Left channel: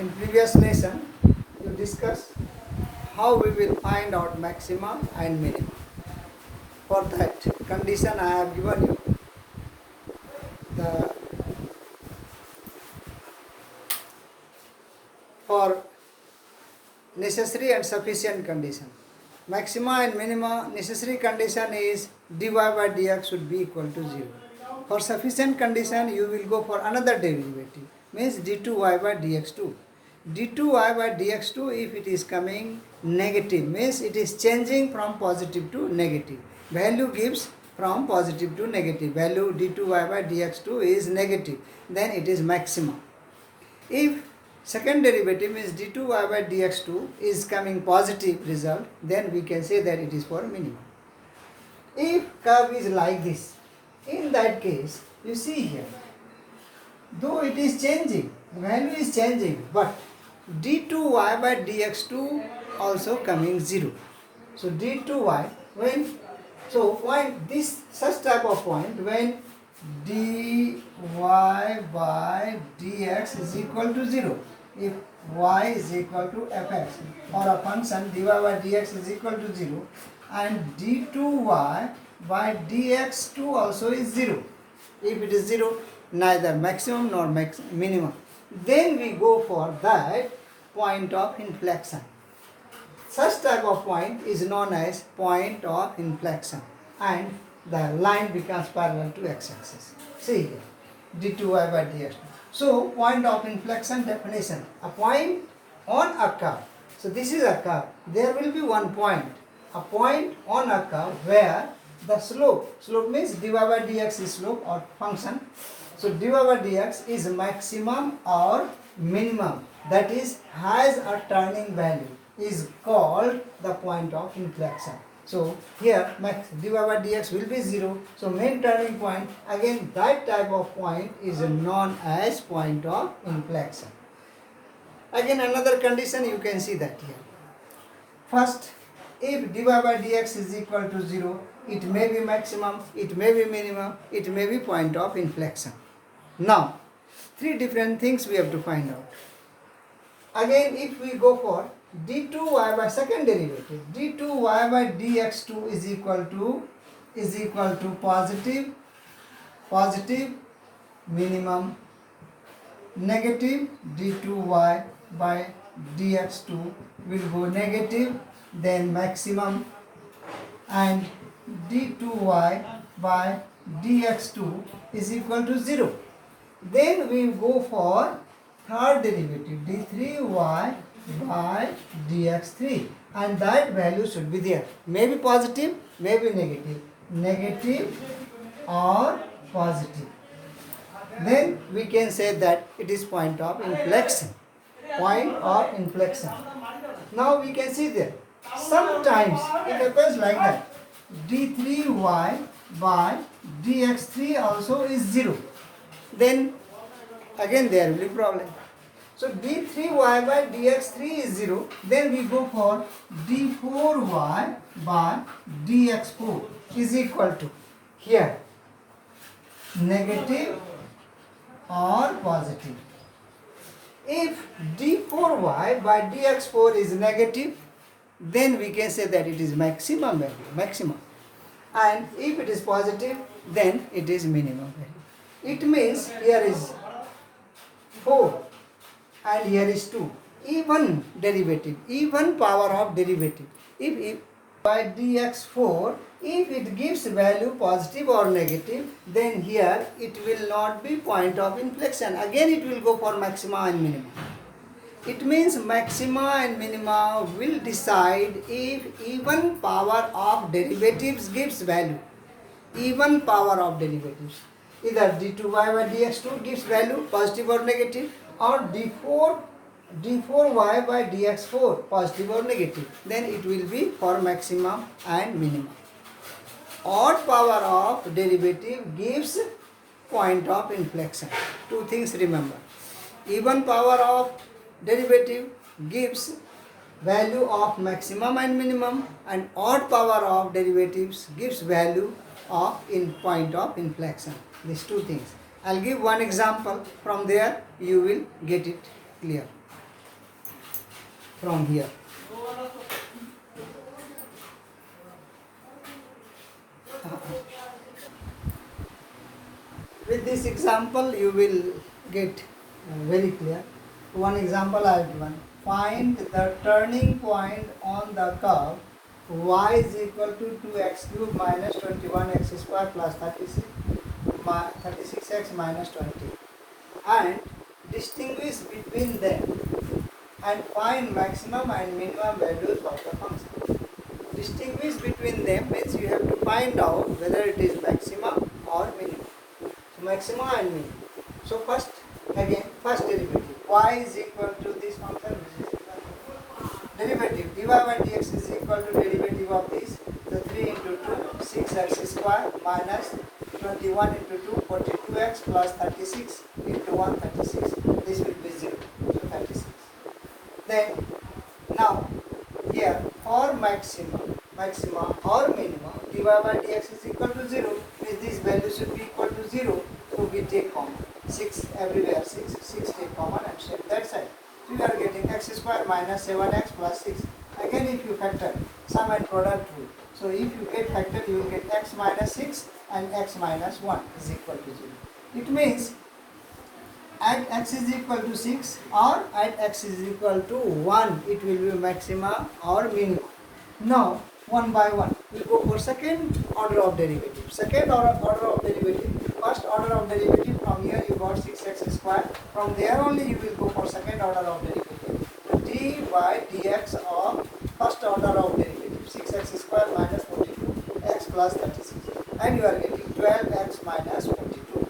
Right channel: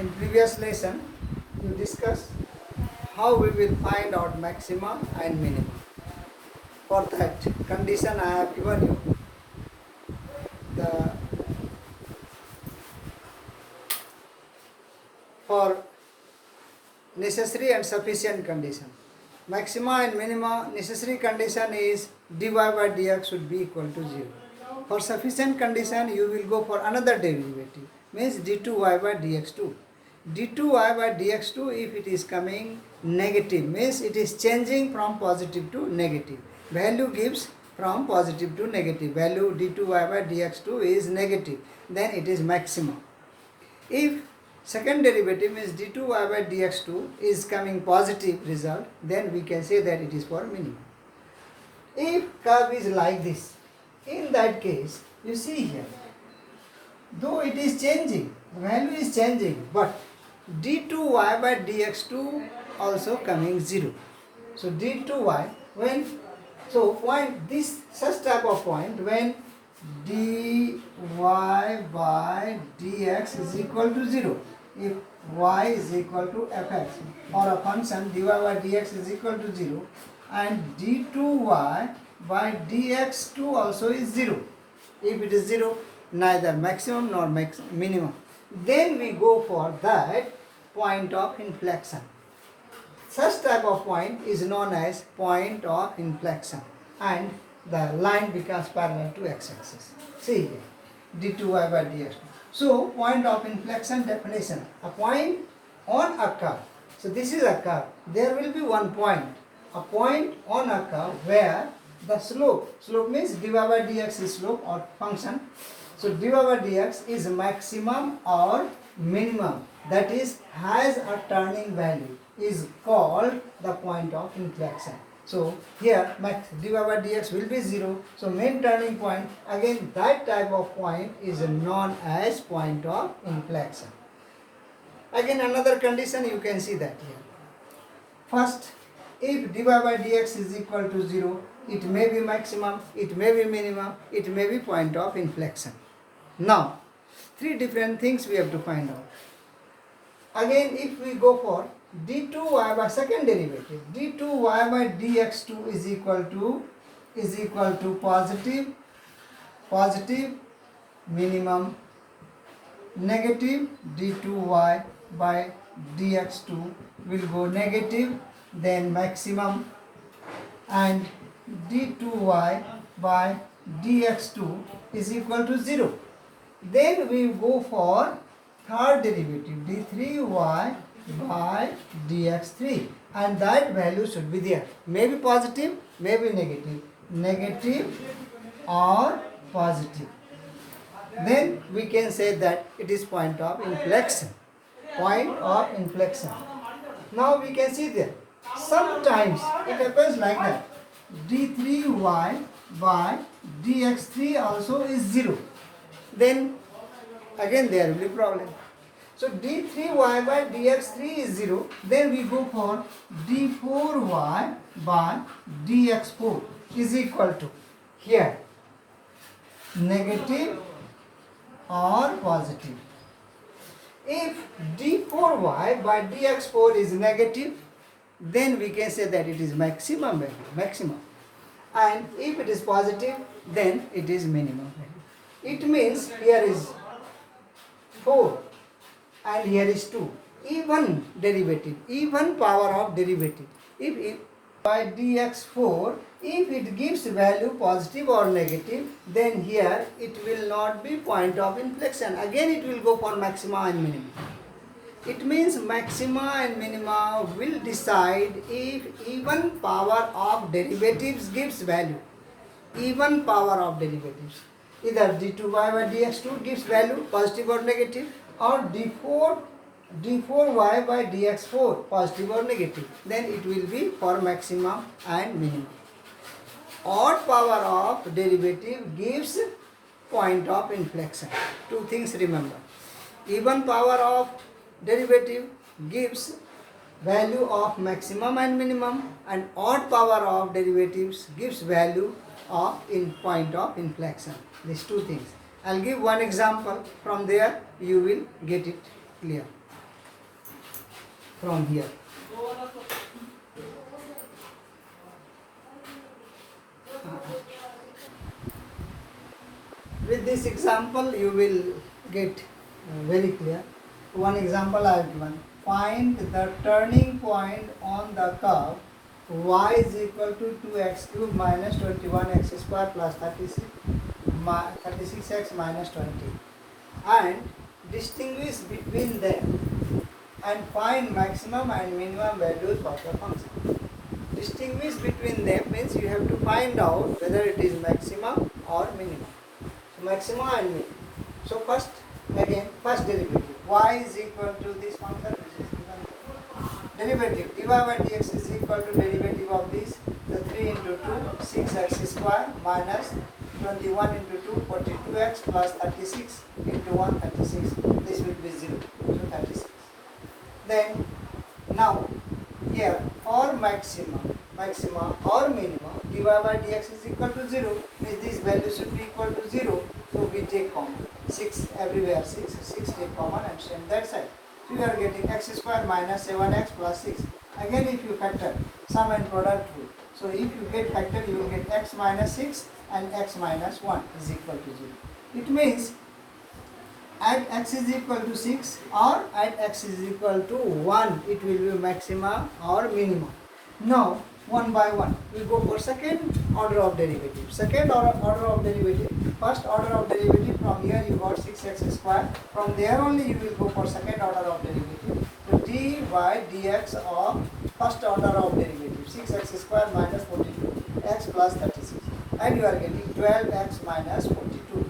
In previous lesson, we discussed how we will find out maxima and minima. For that condition, I have given you the for necessary and sufficient condition. Maxima and minima necessary condition is dy by dx should be equal to 0. For sufficient condition, you will go for another derivative, means d2y by dx2. d2y by dx2, if it is coming negative, means it is changing from positive to negative. Value gives from positive to negative. Value d2y by dx2 is negative, then it is maxima. If second derivative is d2y by dx2 is coming positive result, then we can say that it is for minimum. If curve is like this, in that case, you see here, though it is changing, the value is changing, but d2y by dx2 also coming 0. So d2y, when, so point, this such type of point, when dy by dx is equal to 0, if y is equal to fx, or a function dy by dx is equal to 0, and d2y by dx2 also is 0. If it is 0, neither maximum nor minimum, then we go for that point of inflection. Such type of point is known as point of inflection, and the line becomes parallel to x-axis. See here, d2y by dx2. So, point of inflection definition, a point on a curve. So, this is a curve. There will be one point, a point on a curve where the slope means dy by dx is slope or function. So, dy by dx is maximum or minimum, that is has a turning value, is called the point of inflection. So, here dy by dx will be 0. So, main turning point, again that type of point is known as point of inflection. Again another condition you can see that here. First, if dy by dx is equal to 0, it may be maximum, it may be minimum, it may be point of inflection. Now, three different things we have to find out. Again, if we go for d2y by second derivative, d2y by dx2 is equal to positive, minimum, negative, d2y by dx2 will go negative, then maximum, and d2y by dx2 is equal to 0. Then we go for third derivative, d3y by dx3, and that value should be there. Maybe positive, maybe negative or positive. Then we can say that it is point of inflection. Point of inflection. Now we can see there. Sometimes it happens like that. d3y by dx3 also is 0. Then again there will be problem. So d3y by dx3 is 0. Then we go for d4y by dx4 is equal to here negative or positive. If d4y by dx4 is negative, then we can say that it is maximum value, and if it is positive, then it is minimum value. It means here is 4 and here is 2. Even derivative, even power of derivative. If by dx4, if it gives value positive or negative, then here it will not be point of inflection. Again it will go for maxima and minima. It means maxima and minima will decide if even power of derivatives gives value. Even power of derivatives. Either d2y by dx2 gives value positive or negative, or d4y by dx4 positive or negative. Then it will be for maximum and minimum. Odd power of derivative gives point of inflection. Two things remember. Even power of derivative gives value of maximum and minimum, and odd power of derivatives gives value of point of inflection. These two things. I'll give one example. From there you will get it clear. from here. With this example, you will get very clear. One example I have given. Find the turning point on the curve y is equal to 2x cube minus 21x square plus 36x minus 20, and distinguish between them and find maximum and minimum values of the function. Distinguish between them means you have to find out whether it is maximum or minimum. So maximum and minimum. So first derivative. Y is equal to this function, which is derivative. dy by dx is equal to derivative of this. So 3 into 2, 6x square minus 21 into 2, 42x plus 36 into 1, 36. This will be 0. So 36. Then now here for maximum or minimum, dy by dx is equal to 0, means this value should be equal to 0. So we take common. 6 everywhere, 6 take common and same that side. So we are getting x square minus 7x plus 6. Again, if you factor, sum and product rule. So if you get factor, you will get x minus 6 and x minus 1 is equal to 0. It means at x is equal to 6 or at x is equal to 1, it will be maximum or minimum. Now, one by one, we go for second order of derivative. Second order of derivative, first order of derivative, from here you got 6x square. From there only you will go for second order of derivative. So dy dx of first order of derivative, 6x square minus 42, x plus 36. And you are getting 12x minus 42.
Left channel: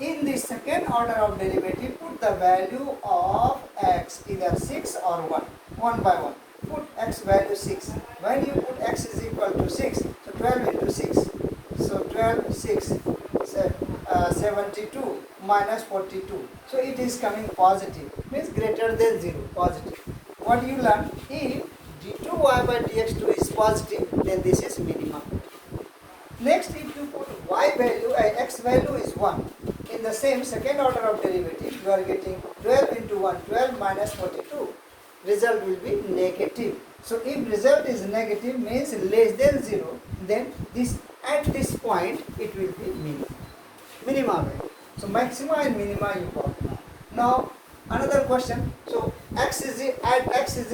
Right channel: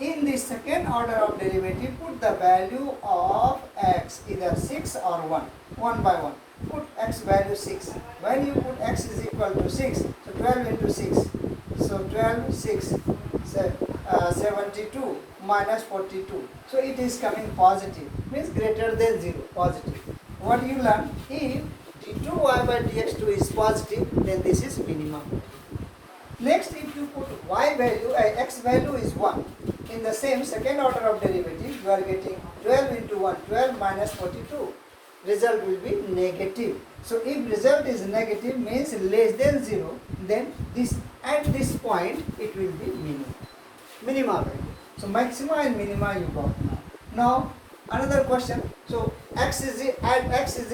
In the second order of derivative, put the value of x, either 6 or 1, one by one. Put x value 6. When you put x is equal to 6, so 12 into 6. So 12, 6, 72 minus 42. So it is coming positive, means greater than 0, positive. What you learn? If d2y by dx2 is positive, then this is minimum. Next, if you put y value, x value is 1. In the same second order of derivative, you are getting 12 into 1, 12 minus 42. Result will be negative. So if result is negative, means less than 0, then this at this point it will be minimum value. So maximum and minimum you got now. Now another question. So at x is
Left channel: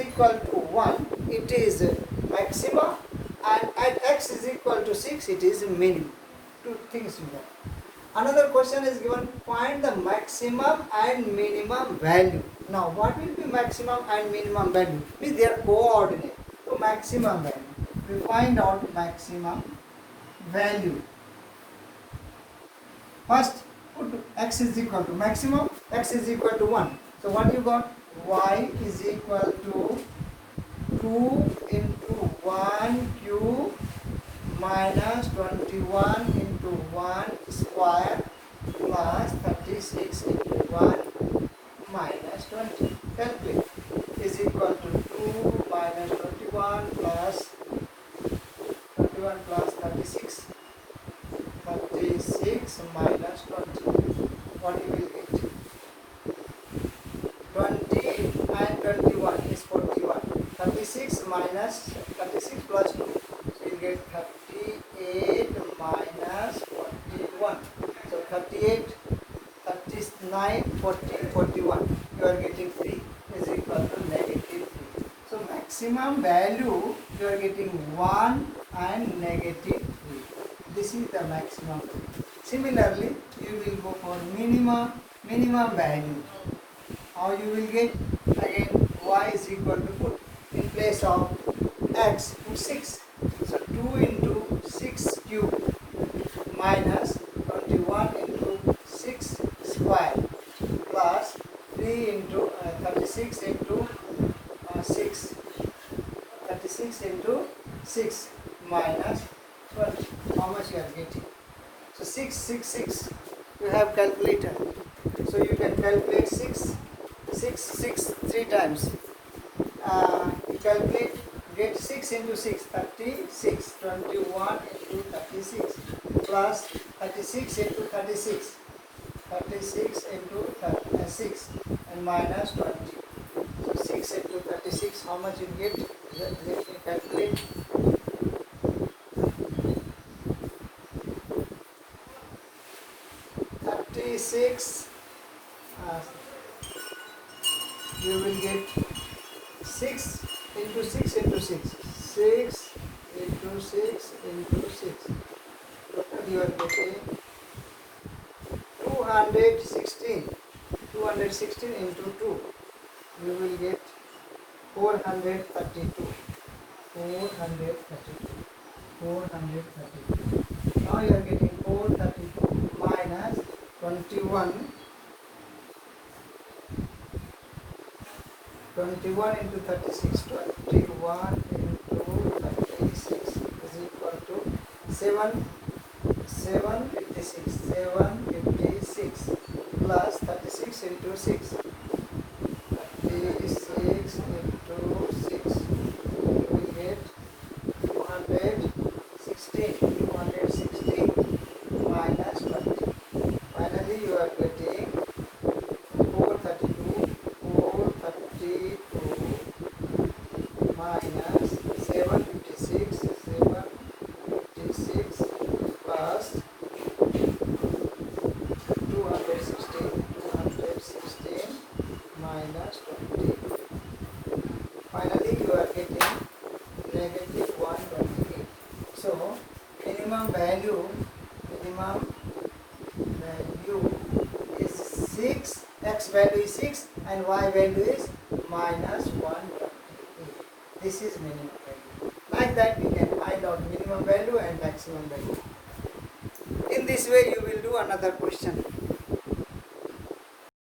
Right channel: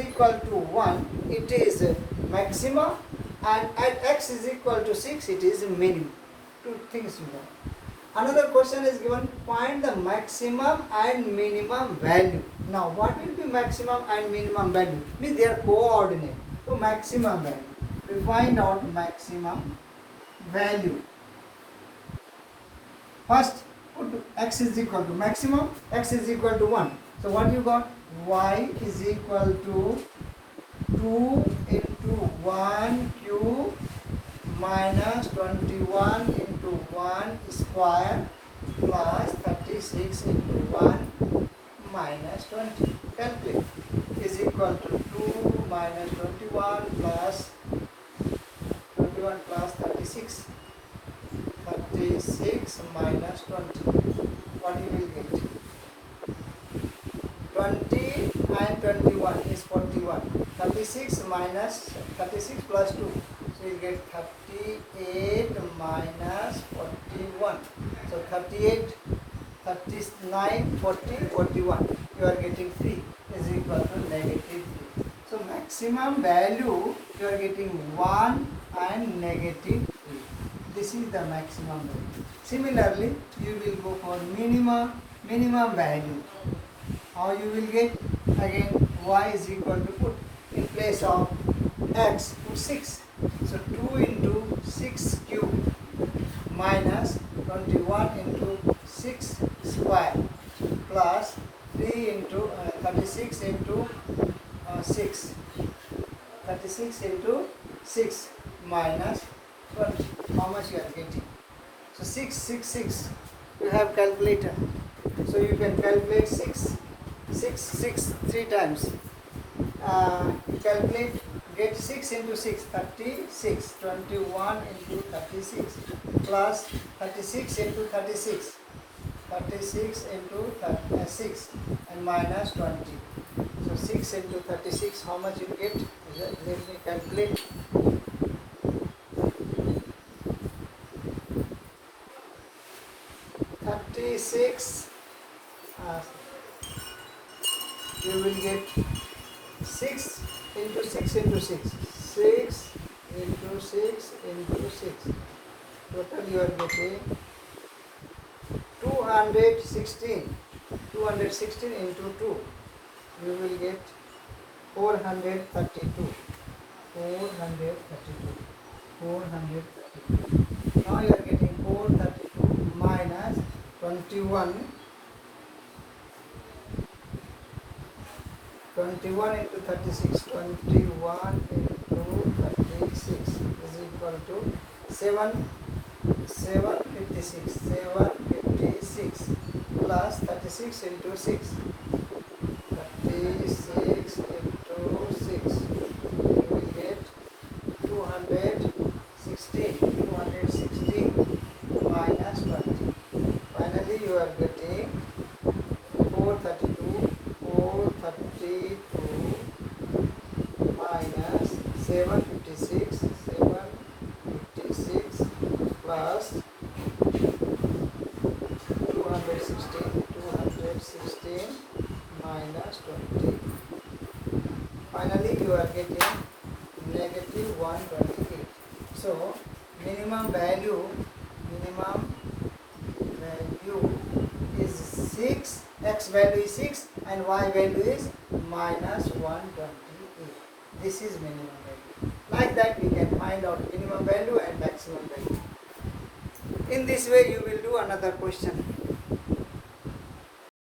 equal to 1, it is maximum, and at x is equal to 6, it is minimum. Two things you know. Another question is given, find the maximum and minimum value. Now what will be maximum and minimum value? Means they are coordinate. So maximum value. We find out maximum value. First put x is equal to maximum, x is equal to 1. So what you got? Y is equal to 2 into 1 cube minus 21 into 1 square plus 36 into 1 minus 20. Calculate. Is equal to 2 minus 21 plus 36. 36 minus 20. What you will get? 20 and 21 is 41. 36 minus 36 plus 2. So you get 38 minus 41. So 38, 39, 40, 41. You are getting 3 is equal to negative 3. So maximum value you are getting 1 and negative 3. This is the maximum value. Similarly, you will go for minimum value. How you will get? Again, y is equal to, put in place of x, put 6. So 2 into 6 cube minus 21 into 6 square plus 3 into 36 into 6. 36 into 6 minus 20. How much you are getting? So 6. You have calculator. So you can calculate 6 3 times. You calculate, get 6 into 6, 36, 21 into 36, plus 36 into 36, 36 into 6, and minus 20. So 6 into 36, how much you get? Let me calculate. 36, you will get 6 into 6 into 6. 6 into 6 into 6. Total you are getting 216. 216 into 2. You will get 432. 432. 432. Now you are getting 432 minus 21. 21 into 36. 21 into 36 is equal to 756. 756 plus 36 into 6. 36 into 6. You will get 216. 216 minus 20. Finally, you are getting 432. 432 minus 756. 756 plus 216. 216 minus 20. Finally, you are getting negative 128. So, minimum value is 6, x value is 6 and y value is minus 128. This is minimum value. Like that we can find out minimum value and maximum value. In this way you will do another question.